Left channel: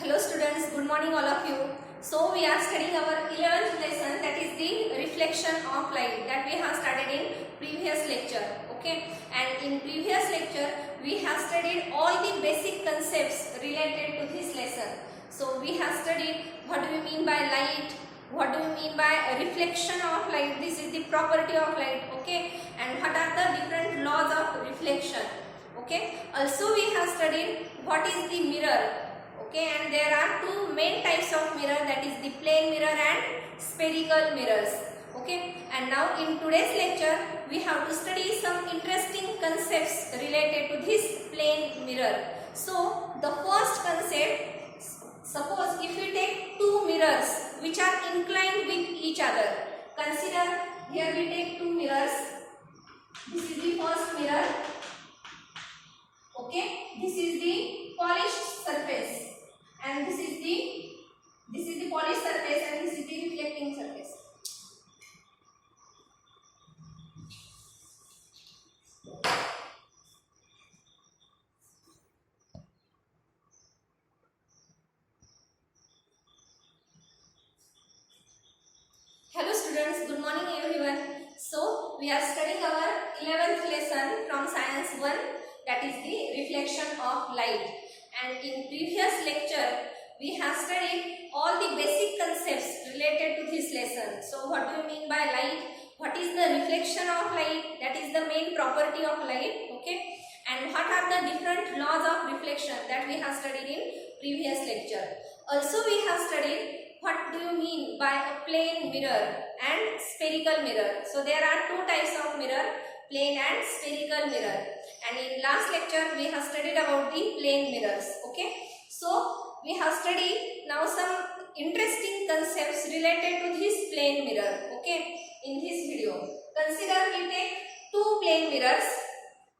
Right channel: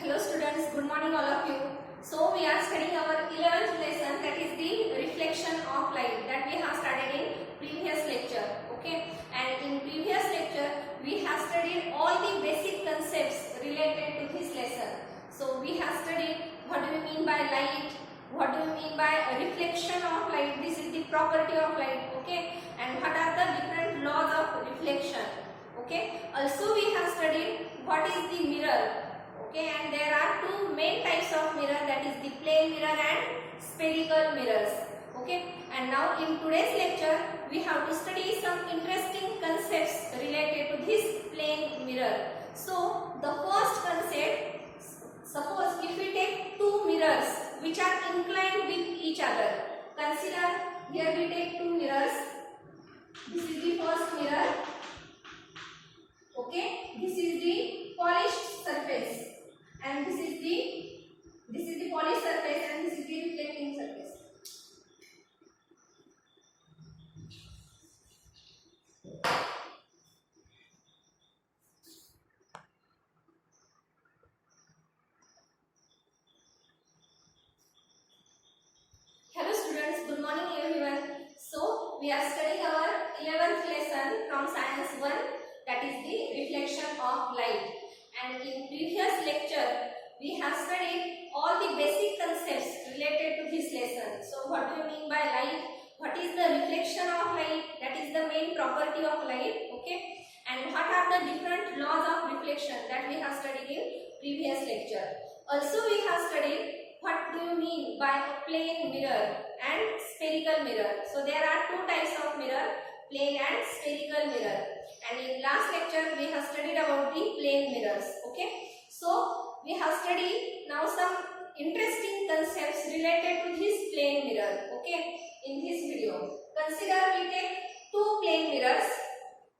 Hello students, good morning all of you. So we are studying our 11th lesson, that is the reflection of light, that we have started in previous lecture. Okay, and in previous lecture we have studied all the basic concepts related to this lesson. So we have studied what do we mean by light, what do we mean by a reflection of light, this is the property of light. Okay, and what are the different laws of reflection. Okay, also we have studied what is the mirror. Okay, and there are two main types of mirror, that is the plane mirror and spherical mirrors. Okay, and now in today's lecture we have to study some interesting concepts related to this plane mirror. So the first concept, suppose if we take two mirrors which are inclined with each other. Consider here we take two mirrors. This is the first mirror. Okay, this is the polished surface. And this is the polished surface and this is the reflecting surface. Hello students, good morning everyone. So we are studying our 11th lesson from Science 1, that is the reflection of light. And in previous lecture we have studied all the basic concepts related to this lesson. So what do you mean by light? What is the reflection of light? That is the main property of light. Okay, and what are the different laws of reflection that we have studied in previous lecture. Also we have studied what do you mean by a plane mirror and spherical mirror. So there are two types of mirror, plane and spherical mirror. And in last lecture we have studied about the plane mirrors. Okay, so we have studied now some interesting concepts related to this plane mirror. Okay, in this video consider we take two plane mirrors.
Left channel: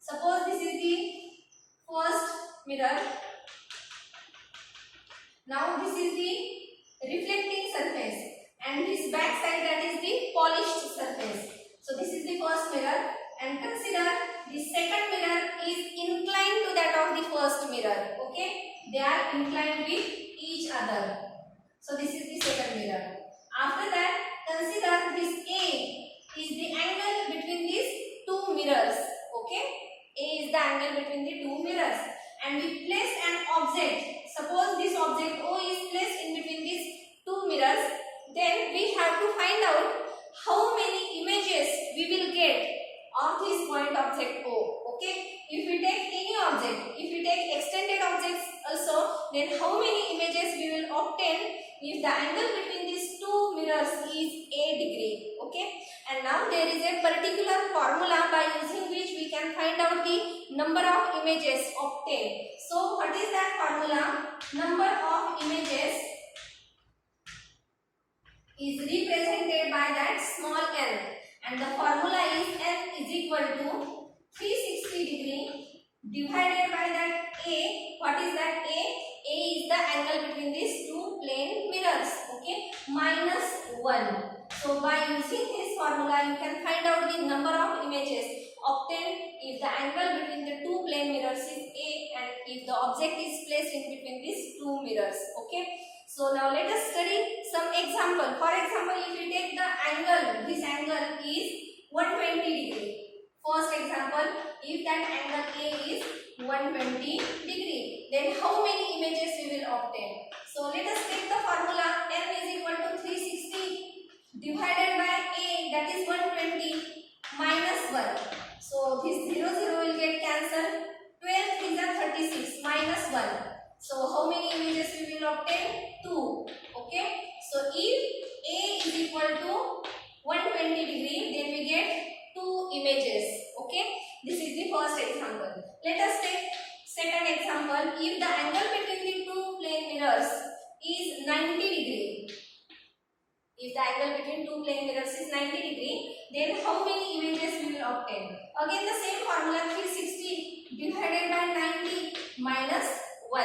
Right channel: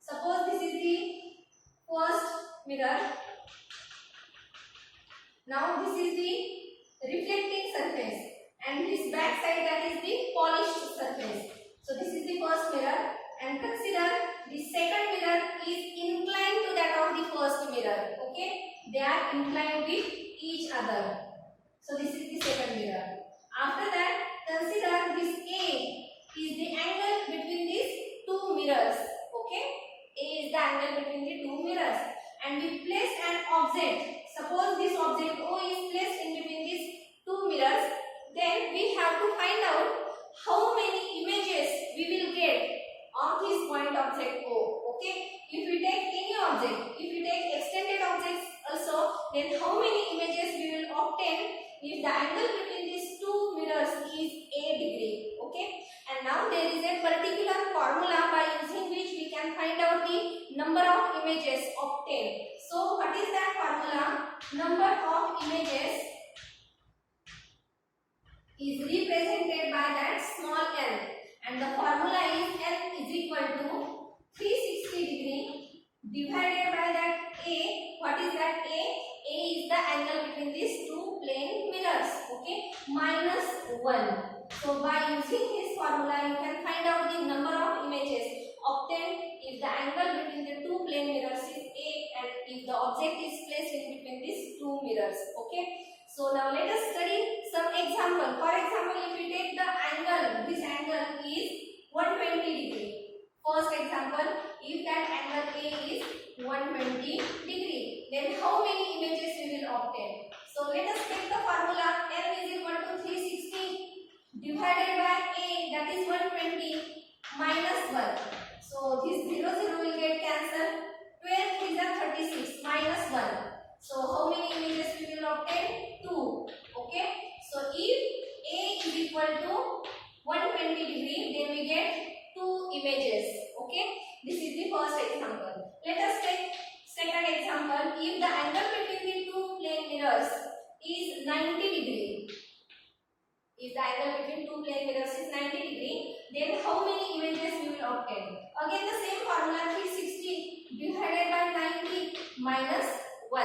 Suppose this is the first mirror. Now this is the reflecting surface and this back side, that is the polished surface. So this is the first mirror, and consider the second mirror is inclined to that of the first mirror. Okay, they are inclined with each other. So this is the second mirror. After that, consider this A is the angle between these two mirrors. Okay, A is the angle between the two mirrors, and we place an object. Suppose this object O is placed in between these two mirrors, then we have to find out how many images we will get of this point object O. Okay, if we take any object, if we take extended objects also, then how many images we will obtain if the angle between these two mirrors is A degree. Okay, and now there is a particular formula by using which we can find out the number of images obtained. So what is that formula? Number of images is represented by that small n, and the formula is n is equal to 360 degree divided by that A. What is that A? A is the angle between these two plane mirrors. Okay, minus 1. So by using this formula you can find out the number of images obtained if the angle between the two plane mirrors is A and if the object is placed in between these two mirrors. Okay, so now let us study some example. For example, if we take the angle, this angle is 120 degree. First example, if that angle A is 120 degree, then how many images we will obtain? So let us take the formula n is equal to 360 divided by A, that is 120, minus 1. So this 0 will get cancelled. 12 is 36 minus 1. So how many images we will obtain? 2. Okay, so if A is equal to 120 degree, then we get 2 images. Okay, this is the first example. Let us take second example. If the angle between the two plane mirrors is 90 degree, if the angle between two plane mirrors is 90 degree, then how many images we will obtain? Again the same formula, 360 divided by 90 minus 1.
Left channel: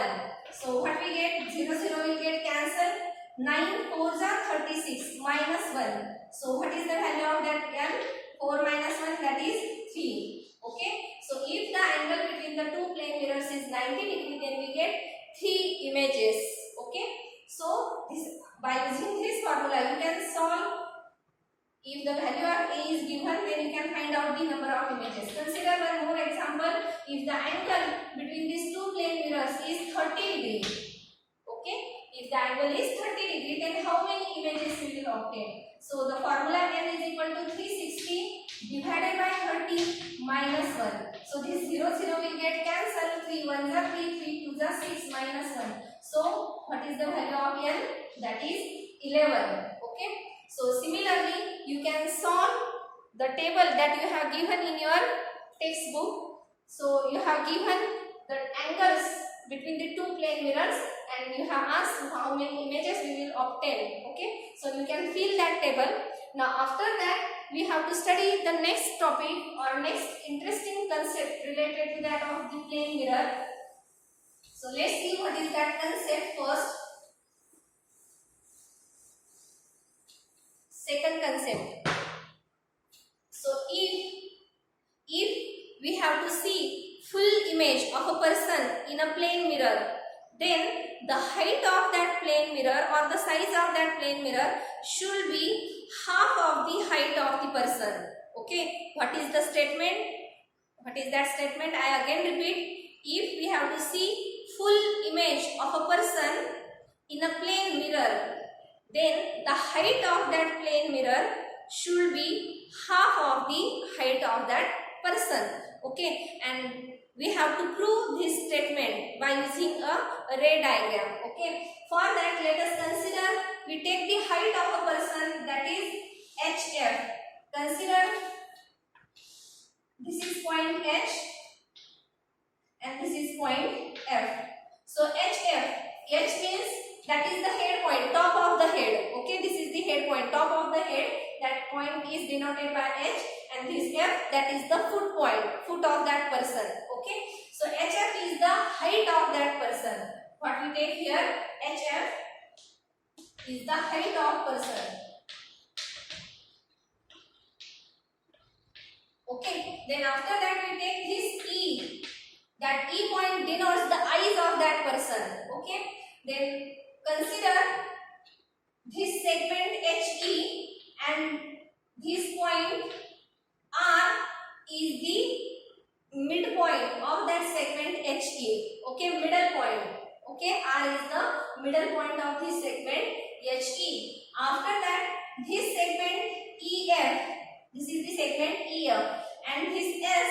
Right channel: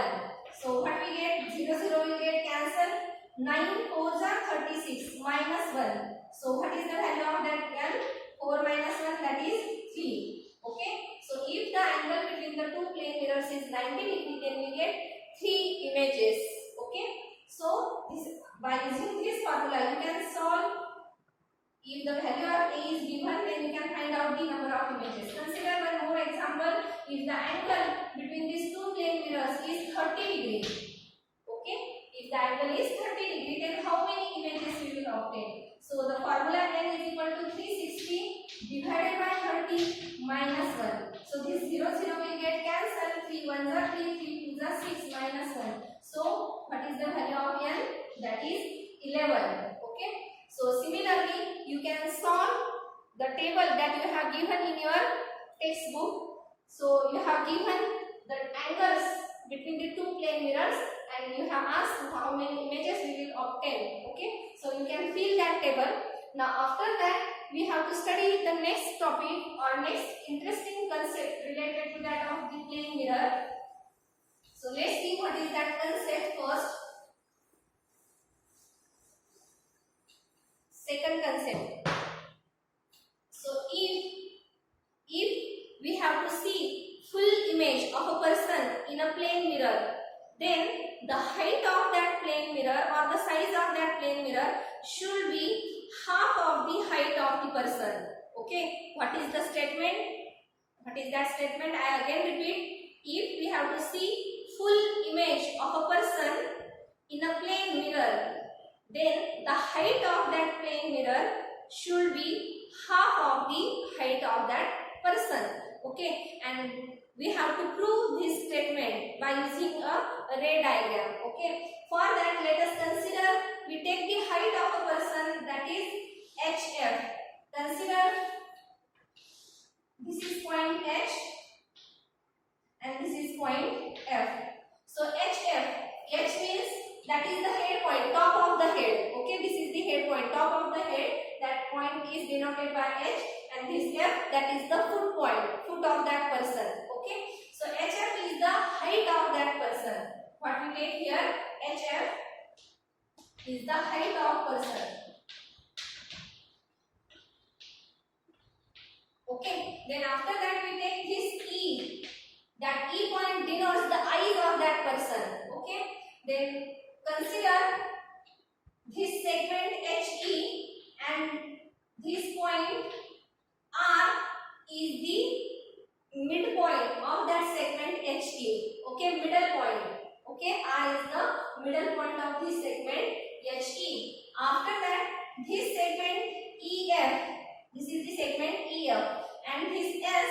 So what we get? 0 will get cancelled. 9 4s are 36 minus 1. So what is the value of that n? 4 minus 1, that is 3. Okay, so if the angle between the two plane mirrors is 90 degree, then we get 3 images. then you can find out the number of images. Consider one more example. If the angle between these two plane mirrors is 30 degree, okay, if the angle is 30 degree, then how many images we will obtain? So the formula n is equal to 360 divided by 30 minus 1. So this 0 will get cancelled. 3 1s are 3, 3 2s are 6 minus 1. So what is the value of n? That is 11. Okay. So similarly, you can solve the table that you have given in your textbook. So you have given the angles between the two plane mirrors and you have asked how many images we will obtain. Okay. So you can fill that table. Now after that, we have to study the next topic or next interesting concept related to that of the plane mirror. So let's see what is that concept first. Second concept. So if we have to see full image of a person in a plane mirror, then the height of that plane mirror or the size of that plane mirror should be half of the height of the person. Okay, what is the statement? What is that statement? I again repeat. If we have to see full image of a person in a plane mirror, then the height of that plane mirror should be half of the height of that person. Okay, and we have to prove this statement by using a ray diagram. Okay, for that let us consider, we take the height of a person, that is HF. Consider this is point H and this is point F. So HF, H means that is the head point, top of the head. Okay, this is the head point, top of the head. That point is denoted by H, and this F, that is the foot point, foot of that person. Okay, so HF is the height of that person. What we take here, HF is the height of person. Okay, then after that we take this E. That E point denotes the eyes of that person. Okay, then consider this segment HE and this point R is the midpoint of that segment HE. Okay, middle point. Okay, R is the middle point of this segment HE. After that, this segment EF, this is the segment EF, and this S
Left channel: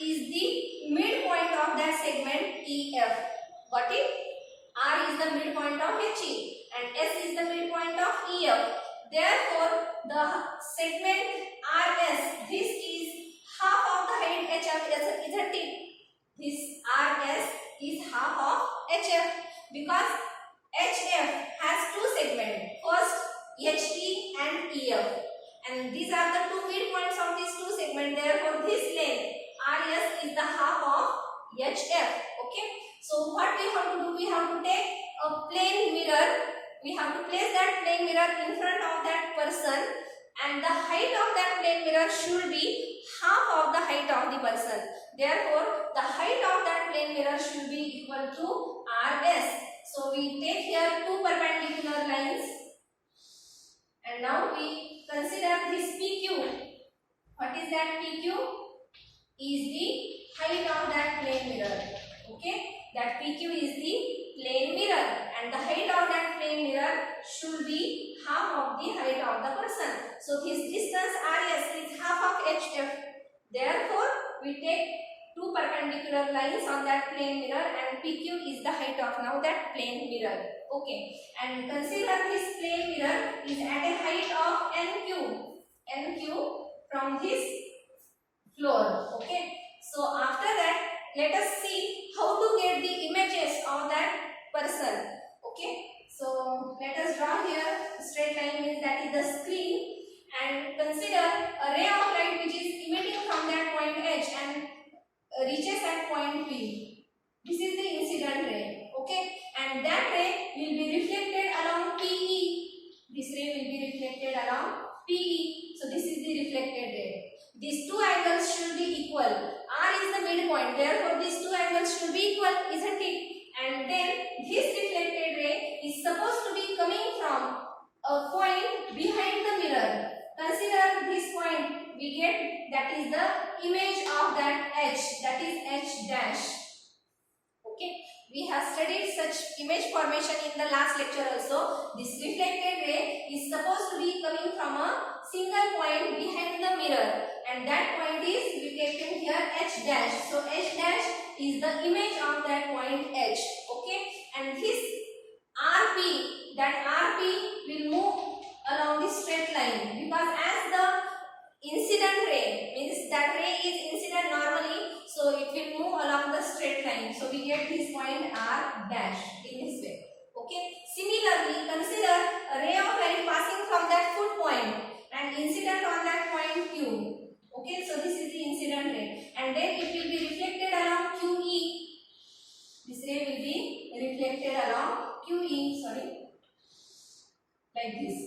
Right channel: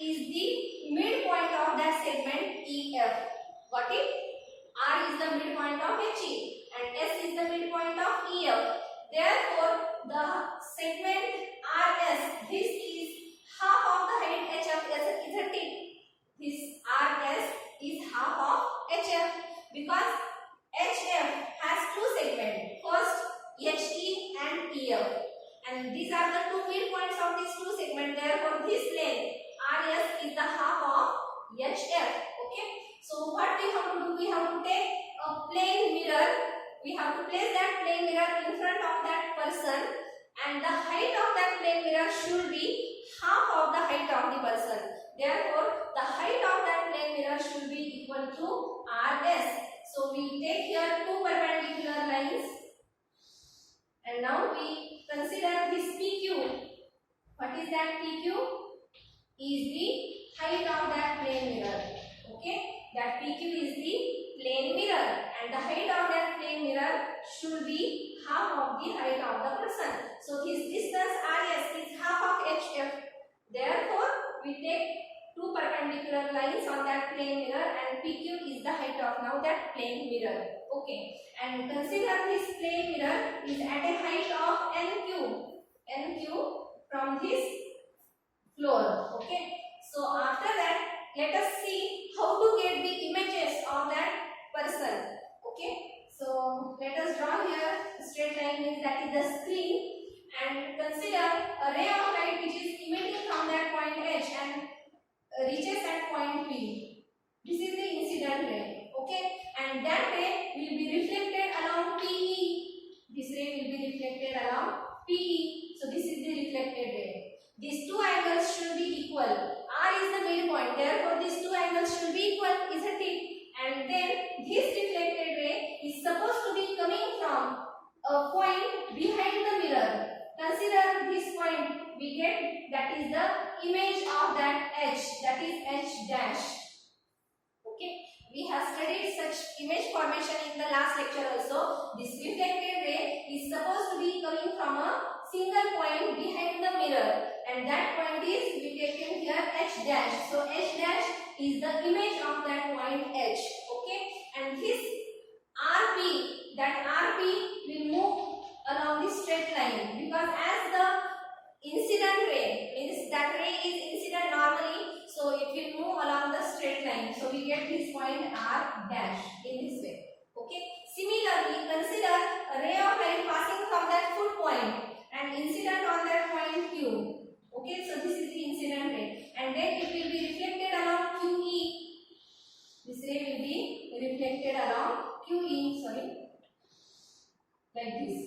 is the midpoint of that segment EF. Got it? R is the midpoint of HE and S is the midpoint of EF. Therefore, the segment RS, this is half of the height HF is a tip. This RS is half of HF because HF has two segments. First, HE and EF. And these are the two midpoints of these two segments. Therefore, this length RS is the half of HF. Okay. So what we have to do? We have to take a plane mirror. We have to place that plane mirror in front of that person, and the height of that plane mirror should be half of the height of the person. Therefore, the height of that plane mirror should be equal to RS. So we take here two perpendicular lines, and now we consider this PQ. What is that PQ? Is the height of that plane mirror. Okay, that PQ is the plane mirror, and the height of that plane mirror should be half of the height of the person. So this distance RS is half of HF. Therefore, we take two perpendicular lines on that plane mirror, and PQ is the height of now that plane mirror. Okay, and consider this plane mirror is at a height of NQ from this floor. Okay, so after that, let us see how to get the images of that person. Okay, so let us draw here a straight line, means that is the screen, and consider a ray of light which is emitting from that point H and reaches at point P. This is the incident ray. Okay, and that ray will be reflected along PE. This ray will be reflected along PE. So this is the reflected ray. These two angles should be equal. R is the midpoint. Therefore, these two angles should be equal, isn't it? And then this reflected ray is supposed to be coming from a point behind the mirror. Consider this point. we get that is the image of that H, that is H dash. Okay, we have studied such image formation in the last lecture also. This reflected ray is supposed to be coming from a single point behind the mirror, and that point is we taken here H dash. So H dash is the image of that point H. Okay, and his RP, that RP will move along the straight line, because as the incident ray, means that ray is incident normally, so it will move along the straight line. So we get this point R dash in this way. Okay. Similarly, consider a ray of light passing from that foot point and incident on that point Q. Okay, so this is the incident ray, and then it will be reflected along QE. This ray will be reflected along QE, like this.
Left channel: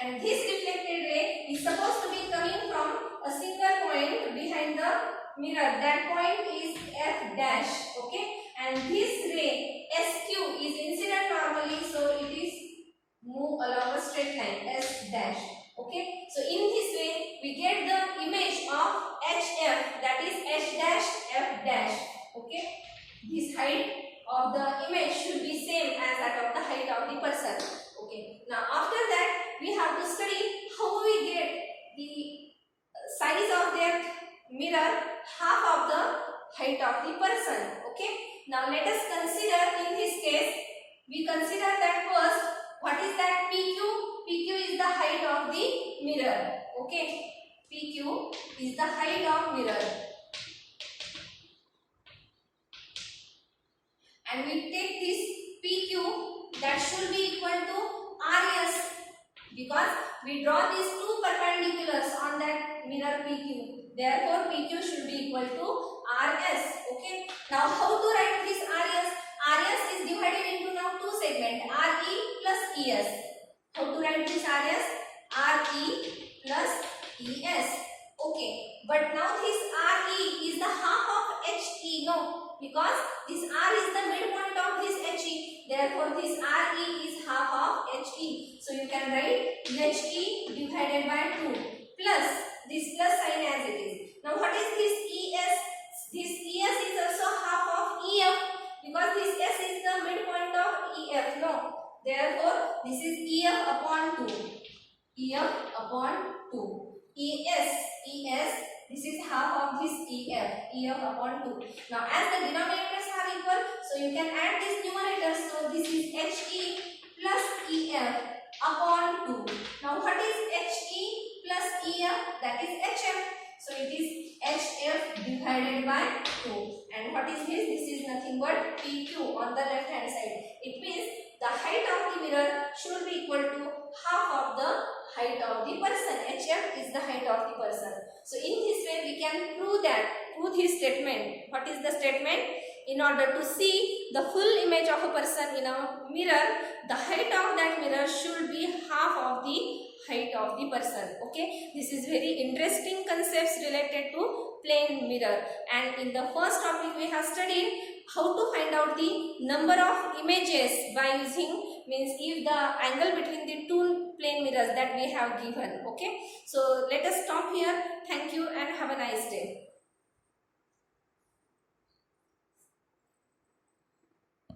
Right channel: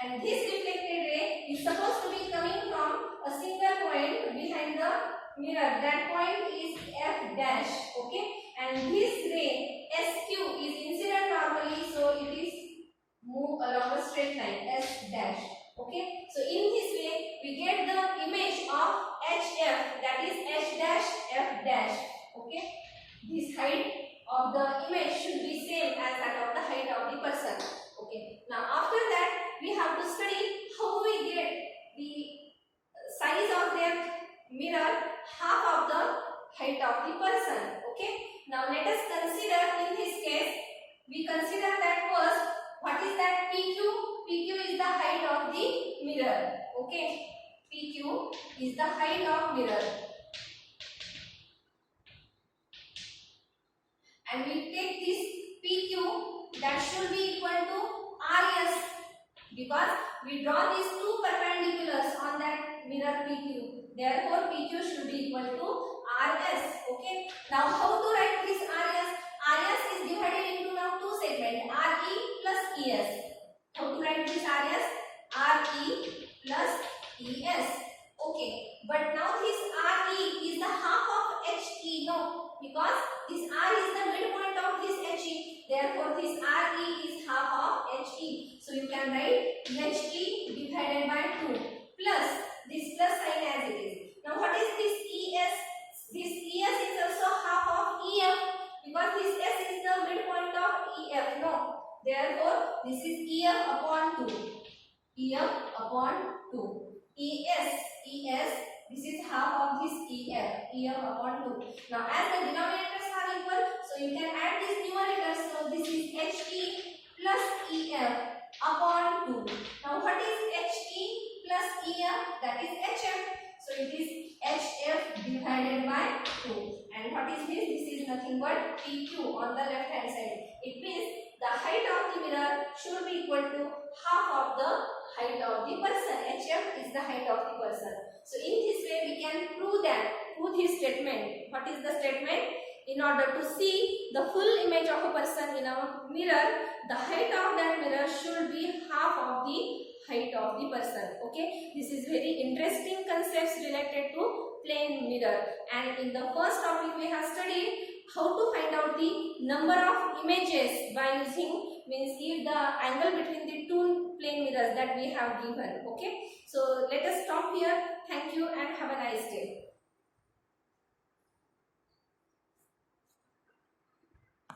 And this reflected ray is supposed to be coming from a single point behind the mirror. That point is F dash. Okay, and this ray SQ is incident normally, so it is move along a straight line S dash. Okay, so in this way we get the image of HF, that is H dash F dash. Okay, this height of the image should be same as that of the height of the person. Okay, now after that we have to study how we get the size of that mirror half of the height of the person. Okay, now let us consider in this case, we consider that first, what is that PQ? PQ is the height of the mirror. Okay, PQ is the height of mirror, and we take this PQ, that should be equal to RS, because we draw these two perpendiculars on that mirror PQ. Therefore, PQ should be equal to RS. Okay. Now, how to write this RS? RS is divided into now two segments, RE plus ES. How to write this RS? RE plus ES. Okay. But now this RE is the half of HE. No, because this R is the midpoint of this HE. Therefore, this RE is half of HE. So you can write HE divided by 2 plus this plus sign as it is. Now what is this ES? This ES is also half of EF, because this S is the midpoint of EF. No. Therefore, this is EF upon 2. EF upon 2. ES, this is half of this EF upon 2. Now as the denominators are equal, so you can add these numerators. So this is HE plus EF upon 2. Now what is HE plus EF? That is HF. So it is HF divided by 2. And what is this? This is nothing but PQ on the left hand side. It means the height of the mirror should be equal to half of the height of the person. HF is the height of the person. So in this way we can prove this statement. What is the statement? In order to see the full image of a person in a mirror, the height of that mirror should be half of the height of the person. Okay, this is very interesting concepts related to plane mirror. And in the first topic we have studied how to find out the number of images by using, means if the angle between the two plane mirrors that we have given. Okay, so let us stop here. Thank you and have a nice day.